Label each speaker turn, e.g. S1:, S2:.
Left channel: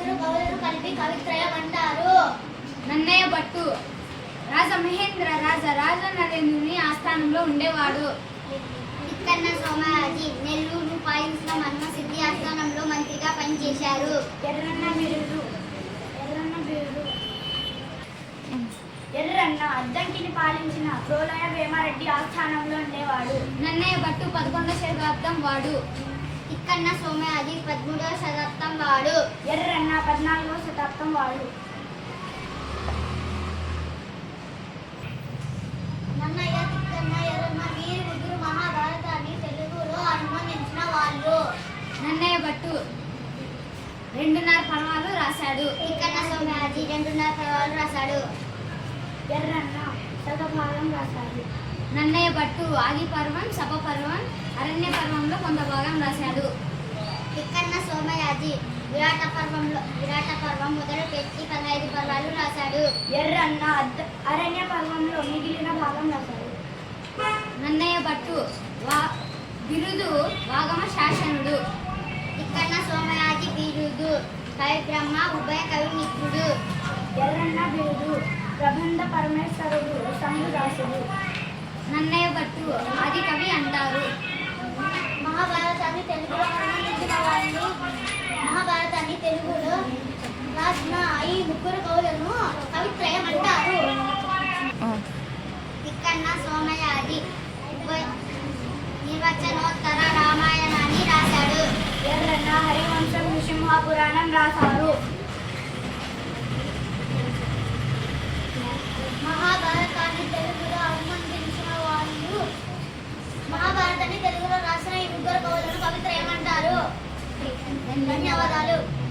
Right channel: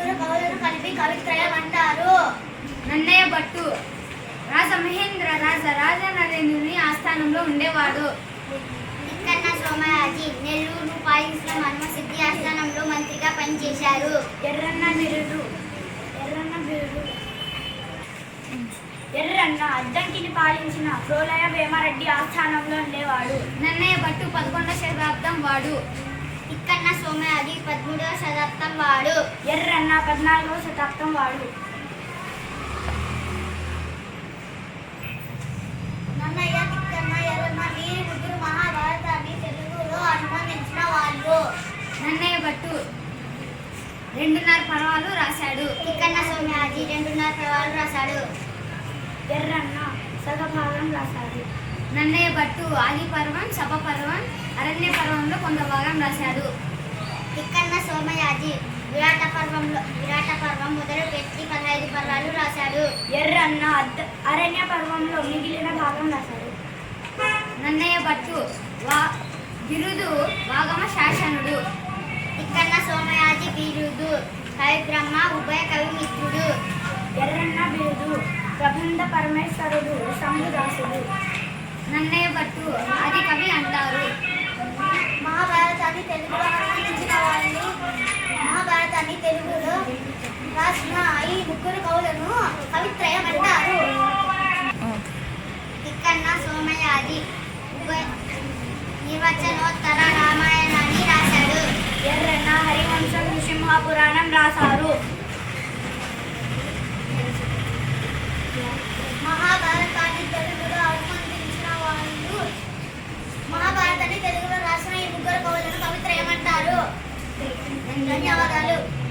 S1: ముగ్గురు కవులను కలిపి కవిత్రయం అంటారు.
S2: నన్నయ్య భట్టు రాజమహేంద్ర రాజ నరేంద్రుని ఆస్థానంలో ఉండేవాడు.
S1: తిక్కన్న సోమయాజి నెల్లూరు పాలించిన మన్మసిద్ధి ఆస్థానంలో మంత్రిగా పనిచేశారు.
S2: ఎర్రన్న అద్దంకిని పాలించిన ప్రోలయ వేమారెడ్డి ఆస్థానంలో ఉండేవాడు. నన్నయ్య భట్టు 11వ శతాబ్దం వాడు.
S1: తిక్కన్న సోమయాజి 13వ శతాబ్దం వాడు.
S2: ఎర్రన్న 14వ శతాబ్దం వాడు.
S1: నన్నయ్య, తిక్కన్న, ఎర్రన్న వీరి ముగ్గురు మహాభారతాన్ని తెలుగులో అనువదించిన వాళ్ళు.
S2: నన్నయ్య భట్టు 2.5 పర్వాలు రాశాడు.
S1: తిక్కన్న సోమయాజి 2.5 పర్వాలు రాశాడు.
S2: ఎర్రన్న సగభాగం రాశాడు. నన్నయ్య భట్టు ఆది పర్వం, సభ పర్వం, అరణ్య పర్వంలో కొంత భాగం రాశాడు.
S1: తిక్కన్న సోమయాజి విరాట పర్వం మొదలు పెట్టి 15 పర్వాలు రాశాడు.
S2: ఎర్రన్న అరణ్య పర్వంలో మిగిలిన భాగం రాశాడు. నన్నయ్య భట్టు బిరుదు వాగమ శాసనుడు.
S1: తిక్కన్న సోమయాజి బిరుదు కవి బ్రహ్మ, ఉభయ కవి మిత్రుడు.
S2: ఎర్రన్న బిరుదు ప్రబంధ పరమేశ్వరుడు, శంభుదాసుడు. నన్నయ్య భట్టు ఆది కవి అంటారు.
S1: మహాభారతాన్ని తెలుగులో అనువదించిన వాళ్ళు. మహాభారతాన్ని తెలుగులో రాసిన ఈ ముగ్గురు కవులను కవిత్రయం అంటారు. తిక్కన్న సోమయాజి నిర్వచనోత్తర రామాయణాన్ని రాశాడు.
S2: ఎర్రన్న హరివంశం, నృసింహపురాణం రాశారు.
S1: మహాభారతాన్ని తెలుగులో అనువదించిన వాళ్ళు. మహాభారతాన్ని తెలుగులో రాసిన ఈ ముగ్గురు కవులను కవిత్రయం అంటారు. ధన్యవాదాలు.